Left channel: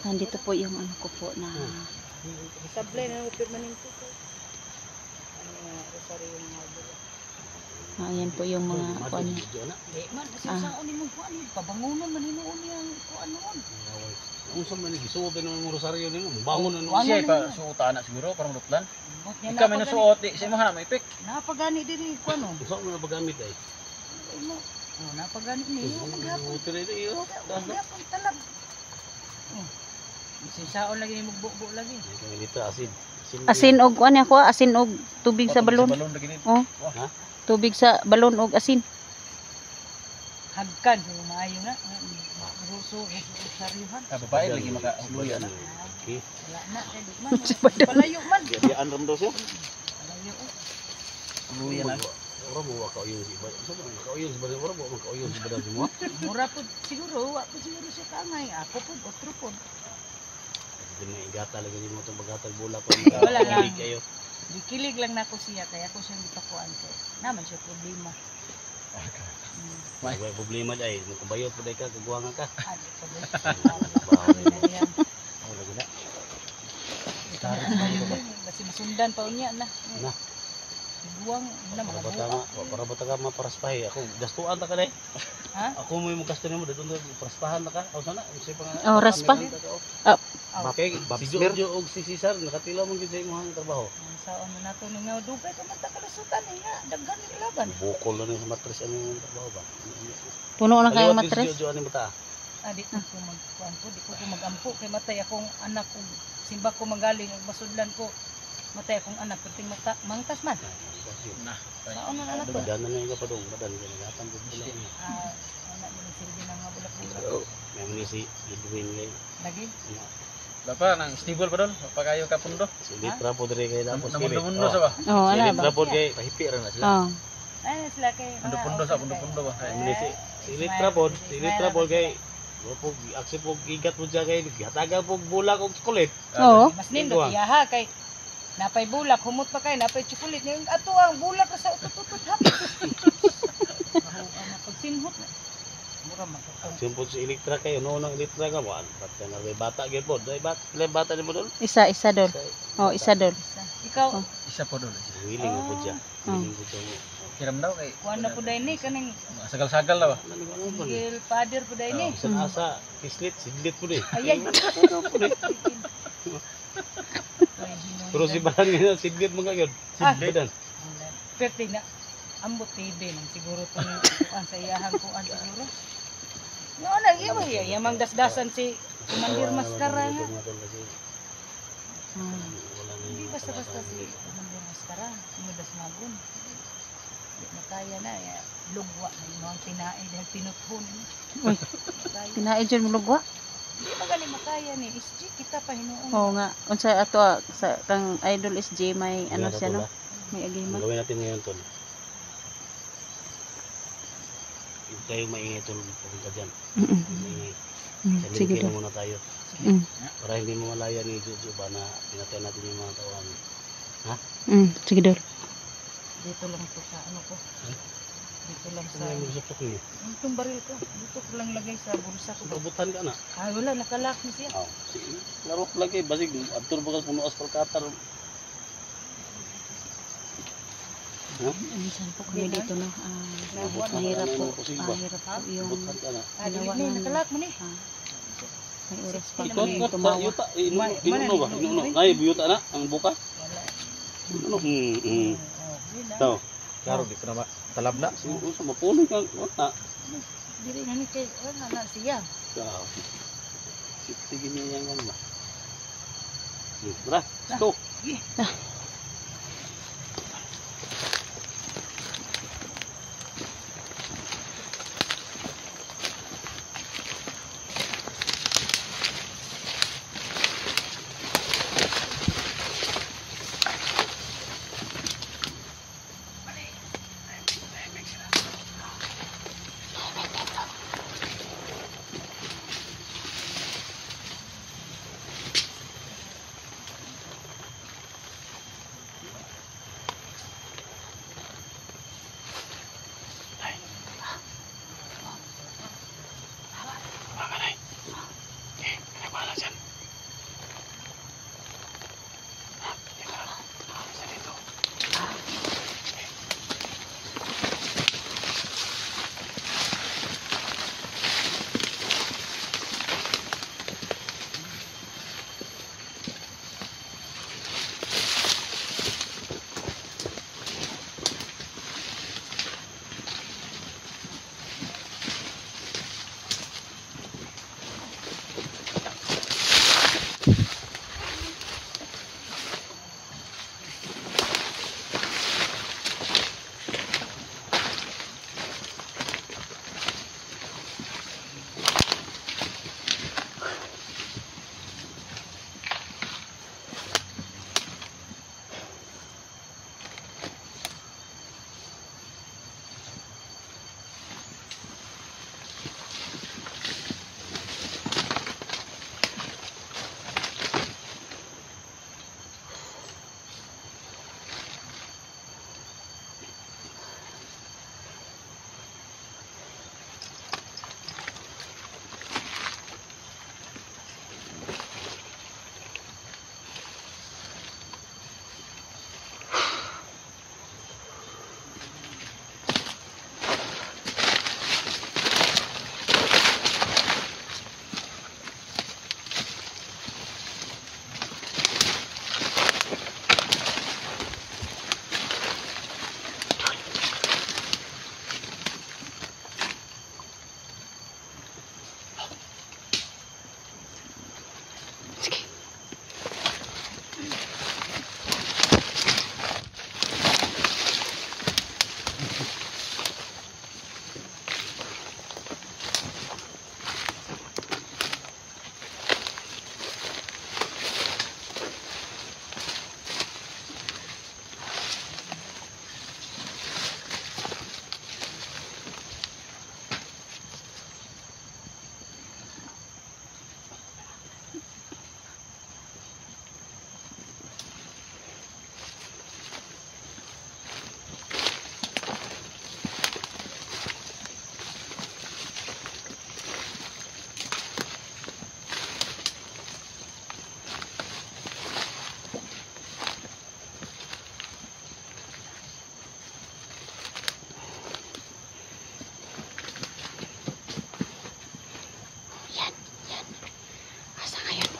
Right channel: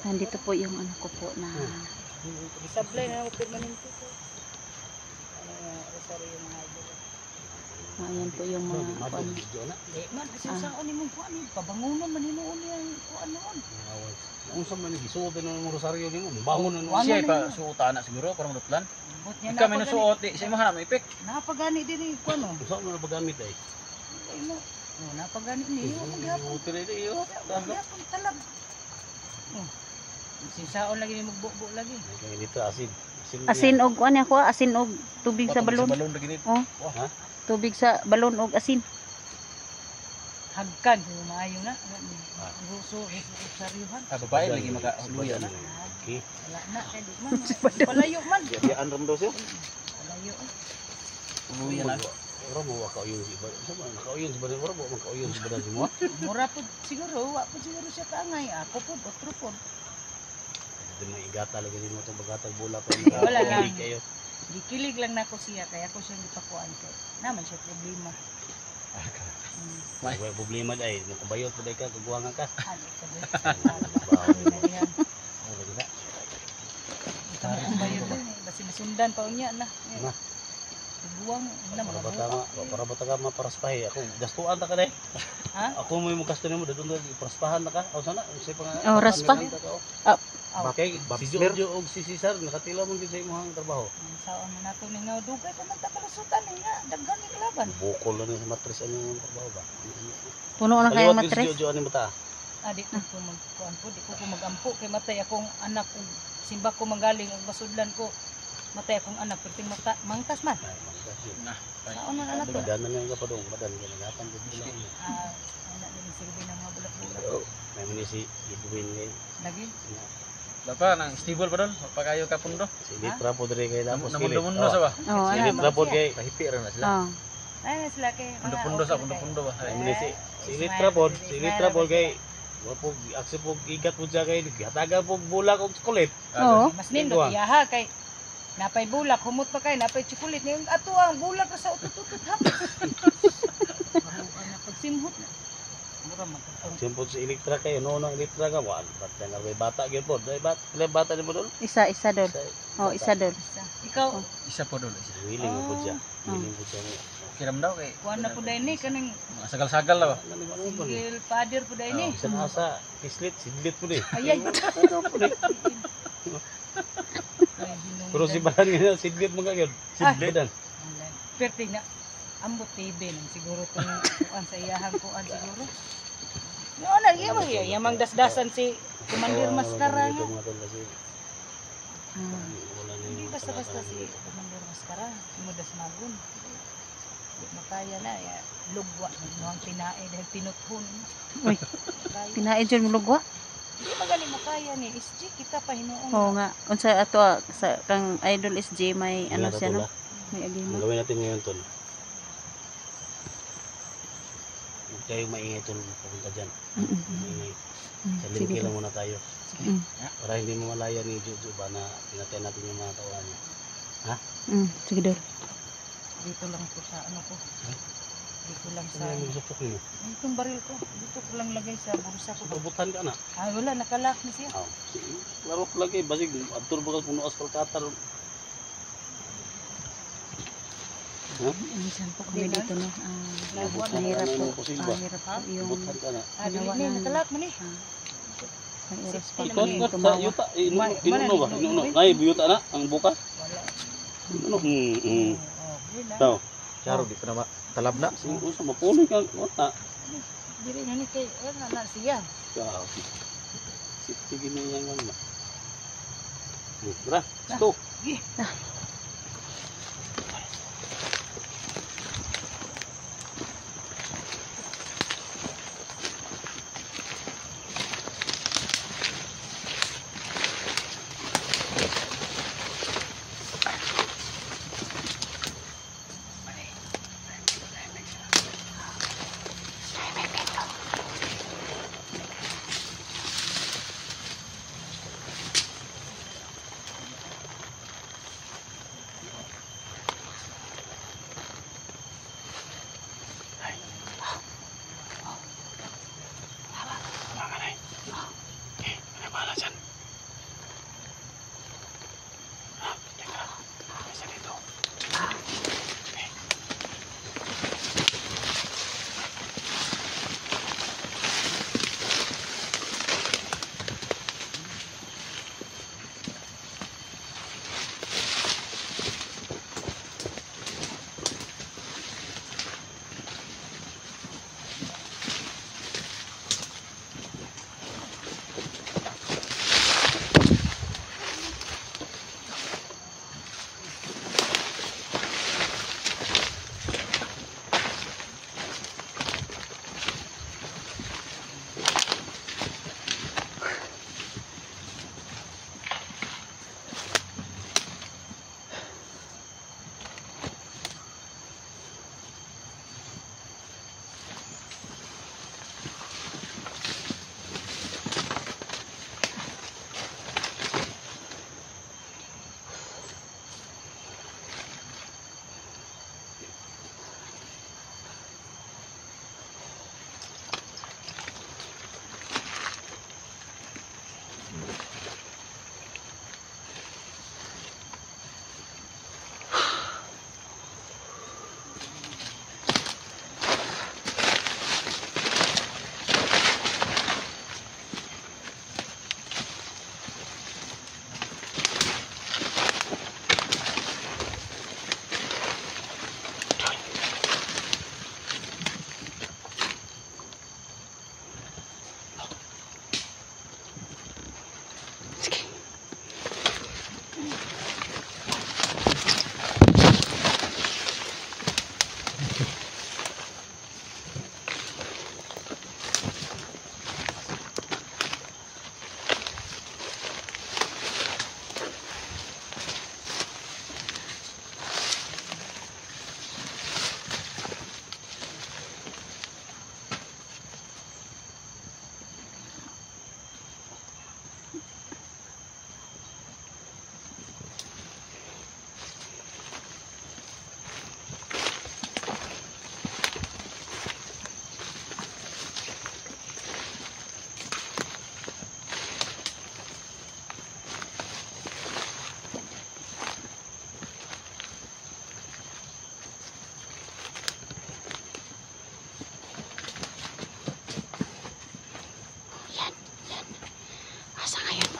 Nandito po yung ano ko po na Isablay na ng permanente ko. Ano yung rosaryo ng idol. ayan po yung mga kuan. Eh man, kasi saan ni mo kuan ni pabangunan man hinuon yang kuan noon. Unsa man ni gisuot ng rosaryo nimo? Bangon na Siya ka suot ana siguro parang rutlan. Bot niya Ikaw may nasuot di sa imaha may pek. napagani diri kuan no. Unsa man bagamit ay? Ay mo. Oh, napagani niyo maghapon. Utol iyo. Maghapon talab. Oh. Sinsaon lagi ni mugbo lagi. Dito asid. Asin og kuan ako, asin og tubig sa balon. Balon lagi ni. Oh. Ha? Tubig sa balon og asin. Hagkan yung maayo na. Rosaryuhan. Babae lagi maka huyan. Okay. Wala na kay di man. Palayo man. Jadi andram daw siya. Palayo. Orang mau kauyong si Badan. Sama kauyong si Badan. Orang mau kauyong si Badan semua. Mura po siguro, wa po siguro siya kaangay. Ako po, otro po. Kasi may igata lagi din mo itong bagatag bola ko. Wala lang. Kayo. Dikilig lang na ako siya, kaya ako siyang gipakuan kay. Naman siya problema. May problema dai. Nakubayot pa dai ka, kaguwangan ka. Ano ko ba? Bawo Ano na yan? Ay, lagi na. Ito mo kung bayo din. Basi masundan pa unya na. Na. Iguang na mga Para bata ka maparaspahe. Ako gastuan ta ka dai. Ha? Ako mo yung gasto nimo dito paraspahan na ka. O sana, unsay pa nga. Oh, raspa. Bakay si Jojo og si Cesar nakatilaw man gid sa imong trabaho. Saon na nato ni nga dugay ka man ta kalusutan niya. Daghan ni laban. Bukol na sa matris ano yung trabaho ba? Puno na kayang Si matres. Jojo ani mata. Di ko magkuan po, di ko magampo kay matay akong anak kung simba ko manggaling ug masudlan ko. Matay akong anak perting mata mangkas man. Saon man anak to? Badan na nga pa dong, badan ka nagatan gud bula. Anak ni silbi nang mga bulak-bulak. May si Edwin ngay. Lagi. Dapat nang stable pa dol, pagayo ka pundo. Si Litra po dire kay tapos kili. Mundo sa ba? Oh, Si ana. Litra po kay kahipi ra na sila. Oh. Ay sila kay Pundo sa pundo ba? Ay si Litra po kay po aksi po igat mo siya kay hataga po bulak og chocolate. Oo. mas nindot iyaha kay napay bulak humot pa kay napay chocolate ning ato ang bulak ra sa utut-utut hap. Baho ana pagsimhot na. Mura man to. Simpot si Litra kay no Litra ka mo bat nga may bata gyud po. Dai bata ni mo dol. Isa dol. Oh, isa dol. Ikaw Isa po dol. Willing mo po siya. Willing po siya. Kiram daw kay kuan na po dai ni kanang sagal-sagal daw. sigil father po dai ni. Sa asa islit sidlit po di. Ayay. Pero si Balan nga sidlit mo gyud. Sidlitan. Perti na ambot TV nang siguro tong kuan sa iyahang kuan siguro. Yo na yamang dasdasan si Commander Mascara nga. Ah. Hindi basta-basta si Commander Mascara, mudas magun. Di makaya na ya lugwa ng mga tinae dahil tinuthon. Uy. Pinaid jud mo lugwa. Di magali makaya ni SG kita pa hinuon. Oo nga. Unsa ato sa kang Idol SJ may ano siya no? May agima. Gawin natin ngayon tol. Huwag kayong maingay tol papunta dyan. Maingay. Sa Sige. lang muna tayo. Mm. Para hindi mamalaya ni Jojo ba na pinatay natin yung mga tauhan niya. Sige dol. Dito lang po sa ano ko. Dito lang sa Ano yung magsuktok mo? itong baril ko. Dito ko lang lagay sa bulsa ko. Kabutan ka na. Wala nakalak na siya. Oh, klaro lagi. Basig, atur bakal puno aspal katar. Minsan po kami dito no. Kahit mahirap po. Hirap po yung Kabutan ka na. ginawa Dili, namin. nakalak mo ni. May oras pa kami tumawa. Yuta, inuno ba? Inuno. Ay, biyuta na, ang buka. Inuno. Tao. Klaro di ko na talab na. Sa mapuno ka. Wata. Dili ni kay na siya. Ciao. Sige niya yang ano. Tara, stop.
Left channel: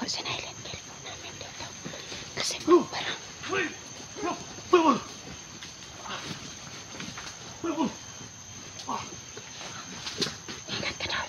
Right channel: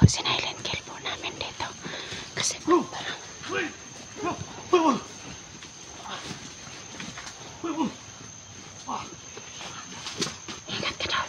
po, sinilent kill po namin dito. Kasi po parang ingat ka daw.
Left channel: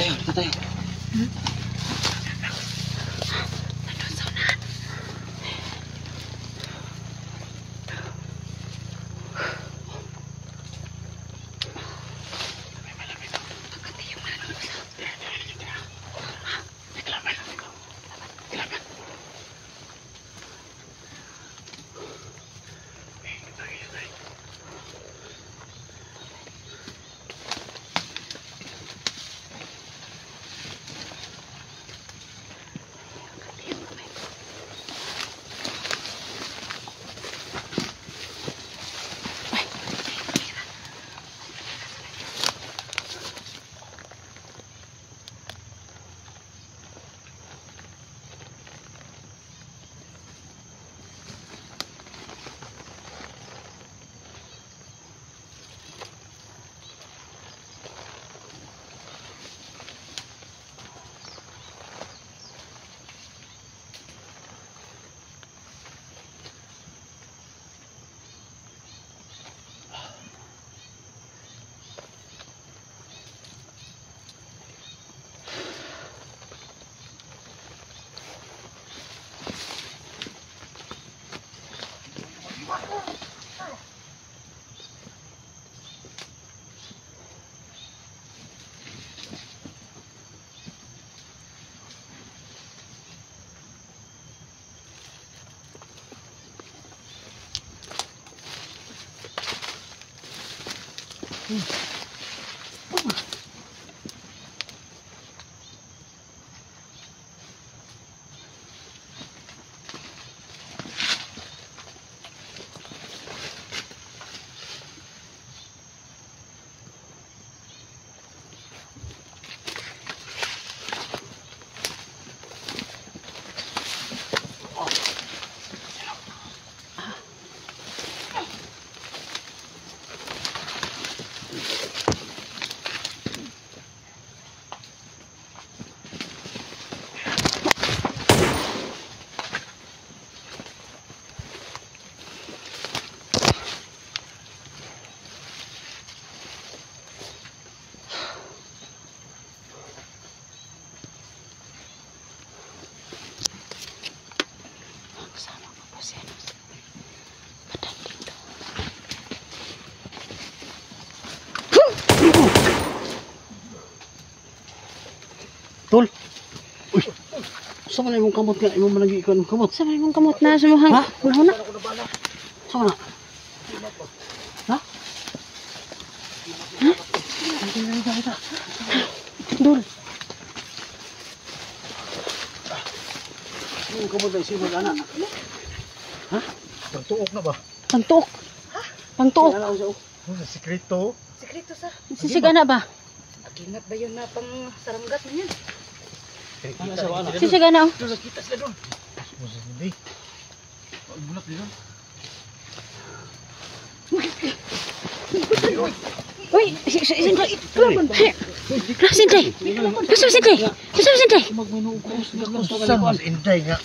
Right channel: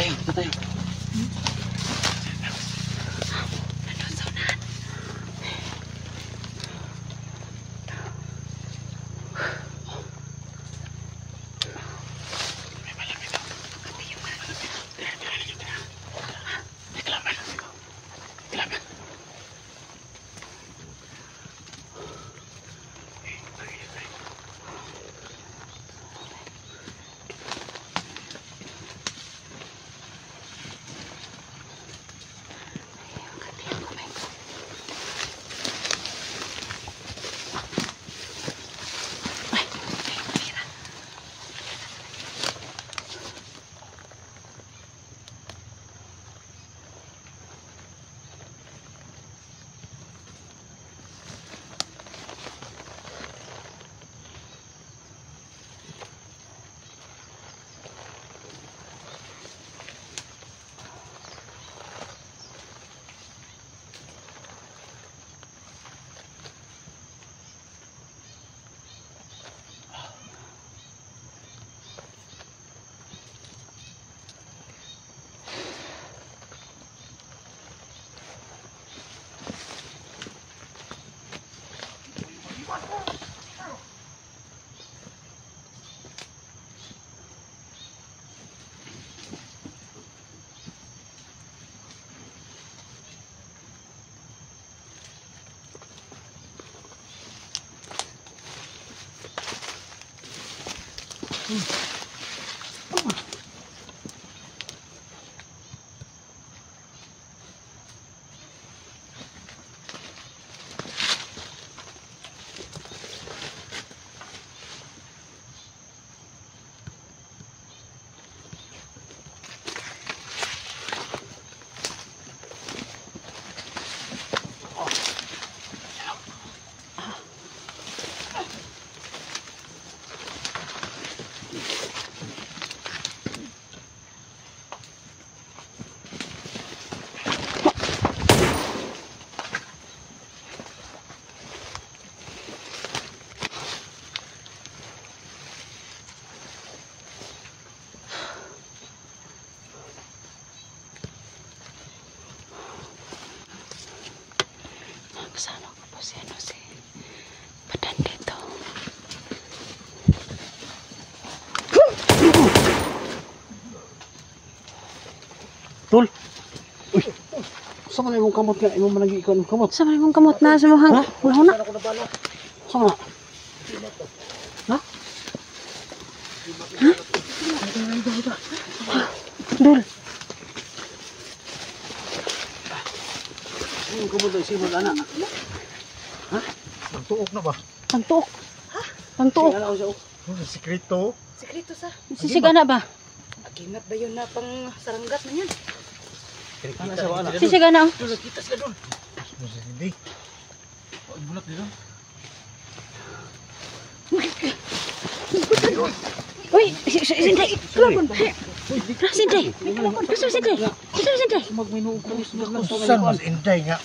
Tayo. Kasama ko po si ano si Badan dito. Tol. Uy. Sa man imong kamot nga imong managi ikon kamot. Sa may mong kamot na sa mohang. Wala na. Ako na bala. Sa na. Ha? Dul. Imong kamot ang simol ana. Ha? Pagtuok na ba? Pangtuok. Pangtuok. Ano sa sikreto? Sekreto sa. Sisigana ba? Agingat ba yun na pang saranggat na yan? Ana sa ana. Sisigana oh. Doon, kita sila doon. Hindi. Bulat dito. Uy, Sindri. Sindri. Gusto Sindri. Gusto Sindri. Saan mas inday nga?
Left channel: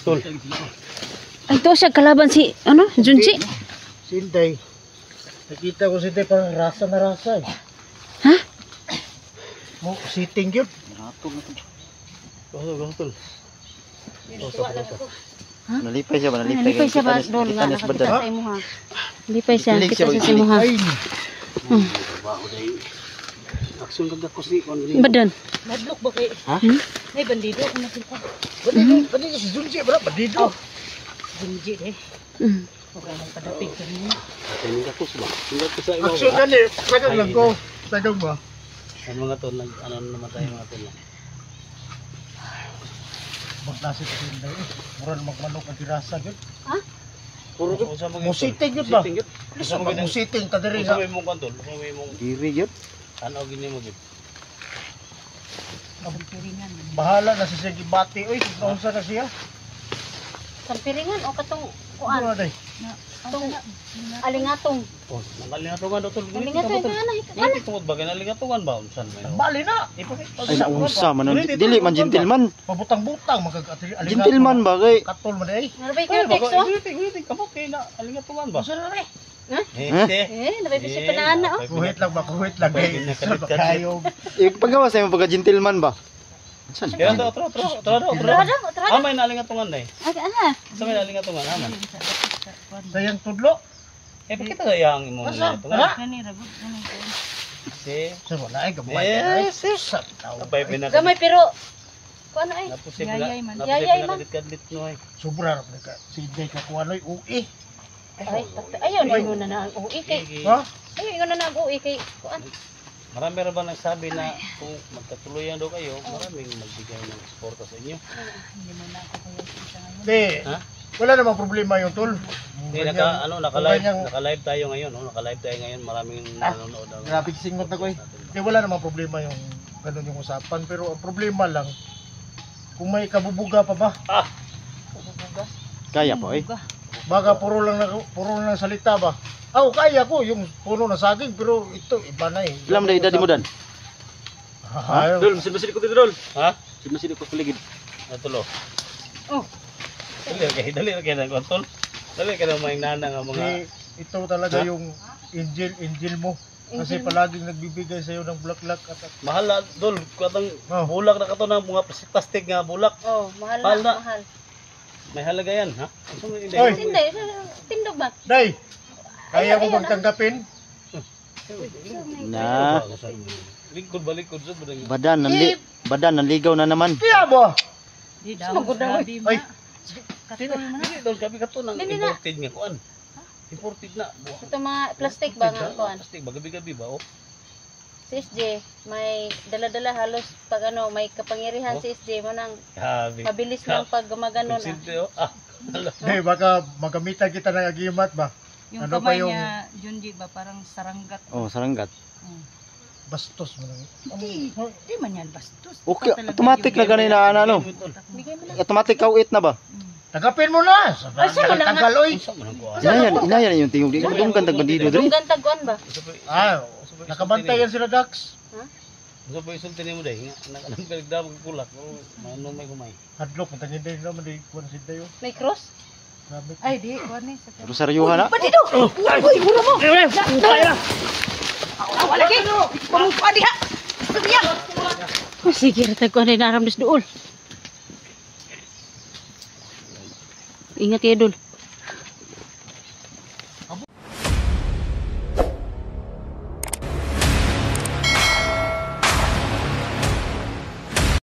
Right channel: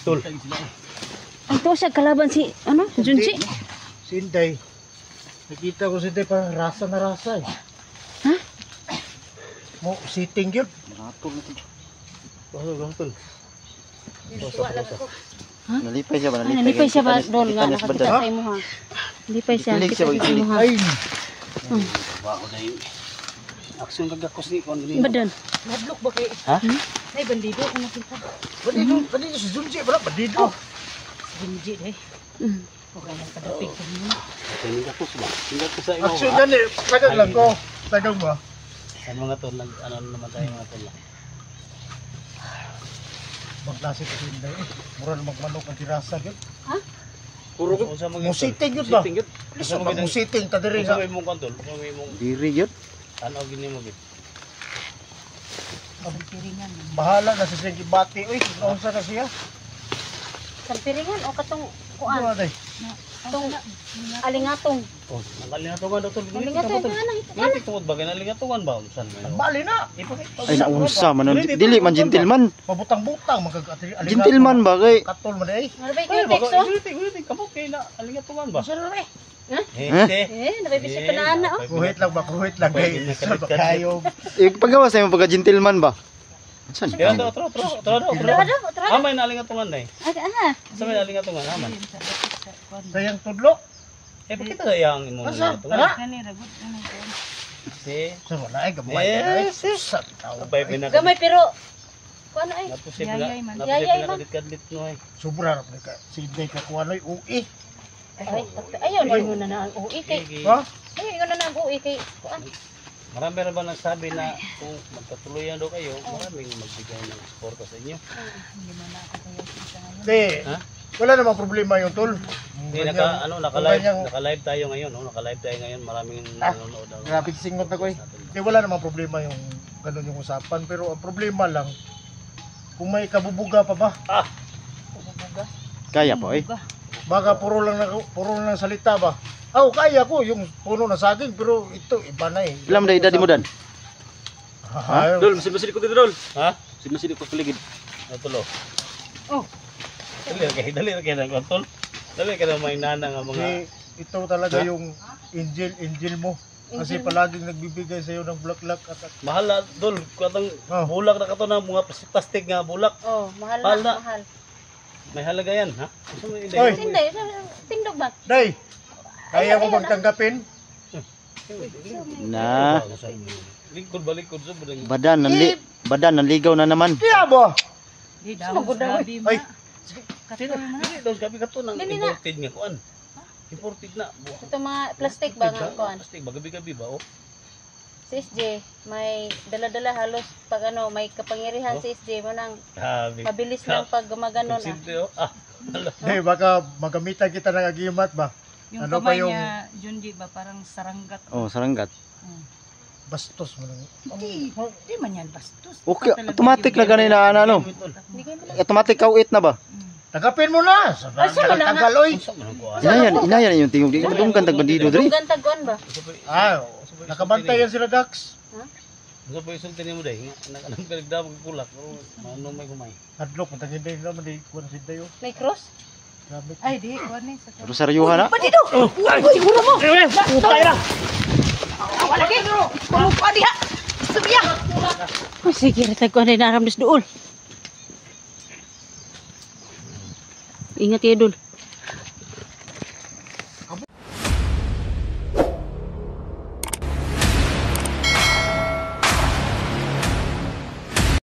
Tol. Ay, ito siya kalaban si, ano, Junji. Si Inday. Nakita ko si Inday parang rasa na rasa eh. Ha? Mo sitting yun. Ratol na ito. Tol. Ha? Nalipay siya ba? Ay, nalipay siya ba, Dol, nga, nakakita sa imo ha. Nalipay siya, nakita siya sa imo ha. Ay! Aksyon kagakos ni kon. Badan. Nadlok ba kay? Ha? Nay, bandido ko nakita. Bandido si Junji, bro, bandido. Bunji eh. Mm. Huwag ka nang padapig ka niyo. Tingin ka sa ba? Tingin ko sa imo. Aksyon gani, tagang lang ko. Tagang ba? Ano mga tol, ano naman tayo mga tol. Maglasip si Inday eh. Mura na magmanok ang tirasa yun. Puro sa mga Mo sitting yun ba? Sitting yun. Isa ba mo sitting kadiri Sa nga? may mong kantol, sa may mong Diri yun. ano gini mo gid. Piringan man. Bahala na si Senji Bati. Uy, naunsa na siya. Sampiringan o katong Ano na day? Tong alingatong. Oh, nakalingatungan dotol. Alingatong ito na ito. Ngitik tungod ba kinalingatungan ba unsan may no? Bali na. Ay naunsa man dili man gentleman. Pabutang-butang magkakatili. Gentleman ba kay Katol mo day. Narbay Ay, ko teksto. Ulitin kamot kay na alingatungan ba? Basta na rin. Narbay bisip pa na ana oh. Kuhit lang ba? Kuhit lang. Pwede Day. na Sa kadit-kadit. bakayog. Paggawa sa imo pagka gentleman ba? Kaya tro. Tara. Amay na alingatungan day. Ay ana. Sa may alingatungan aman. Sayang tudlo. Eh pakita sa yang imo Asa? alingatungan. Kani ragot kani ko. Si Sa wala ay gamay. Yes, yes. Sa tao. Abay pinaka. Gamay pero kuano ay. Yayay man. Yayay man. Kadit-kadit no ay. Sobra ra ka. Si Inday kakuanoy ui. Ayaw mo na ang uwi kay. Ha? Ayaw na ang uwi kay kuan. Marami rin ba nagsabi na kung magkatuluyan daw kayo, maraming magbigay ng suporta sa inyo. Hindi mo na ako kaya kita ngayon. Di. Ha? Wala namang problema yung tol. Hindi, Ganyan. naka-live tayo ngayon, no? Naka-live tayo ngayon, maraming nanonood. Grabe singot ako eh. Wala namang problema yung ganun yung usapan. Pero ang problema lang, kung may kabubuga pa ba? Kaya po eh. Baka puro lang salita ba? Kaya ko yung puno na saging pero ito iba na eh. Ilang na edad mo dan? Ha? Dol, sinusidik ko dito, Dol. Ha? Sinusidik ko kiligid. Natulo. Oh. Dali kay nang kontrol. Dali kay nang nana nga mga Ito talaga Ha? yung angel mo. Kasi palaging nagbibigay sa'yo ng bulaklak at mahal na, Dol. Katong Oh. bulak na kato ng mga plastic nga bulak. Oh, mahal Mahal na, na. mahal. May halaga yan, ha? Ano mo hindi? Oy. Hindi, tindog ba? Day! Kaya mo bang tanggapin? Na. Likod sa budang. Badan nanligaw na naman. Kaya ba? Di daw grabe Ay. ma. Katol man. Dili Dol, gabi kato nang Hindi na. imported nga kuan. Imported na. Ito mga plastic ba nga kuan? Plastic ba? Gabi-gabi ba? Oh. Si SJ, may dala-dala halos pag ano, may kapangyarihan Oh. si SJ mo nang Grabe. pabilis ng pag gumaganon. Konsente, oh. Ah. Eh, baka magamitan kita ng agimat ba? Yung Ano ba kamay yung- niya, Junji ba, parang saranggat. Oh, saranggat. Bastos mo lang. Hindi man yan bastos. Okay, Ito talaga automatic yung- na ganun na ano. Hindi kayo mo Automatic kauit na ba? Tagapin mo na! Tagal, oy! Unsa man ang kuan? Inayan yung tingog. Di ko dunggan tag bandido diri. Dunggan tagkuan ba? Ah, nakabantay yan sila, Dax. Unsa pa isulti nimo day? Nang pinagdamag kulak. Oh, manong may humay. Hadlok, matangin din naman, di kuwan si Dayo. May cross? Grabe. Ay, di, kuwan ni. Sa Rosaryuhan na. Oh, sige, tagkuan din aram dool. Ingat kayo dul.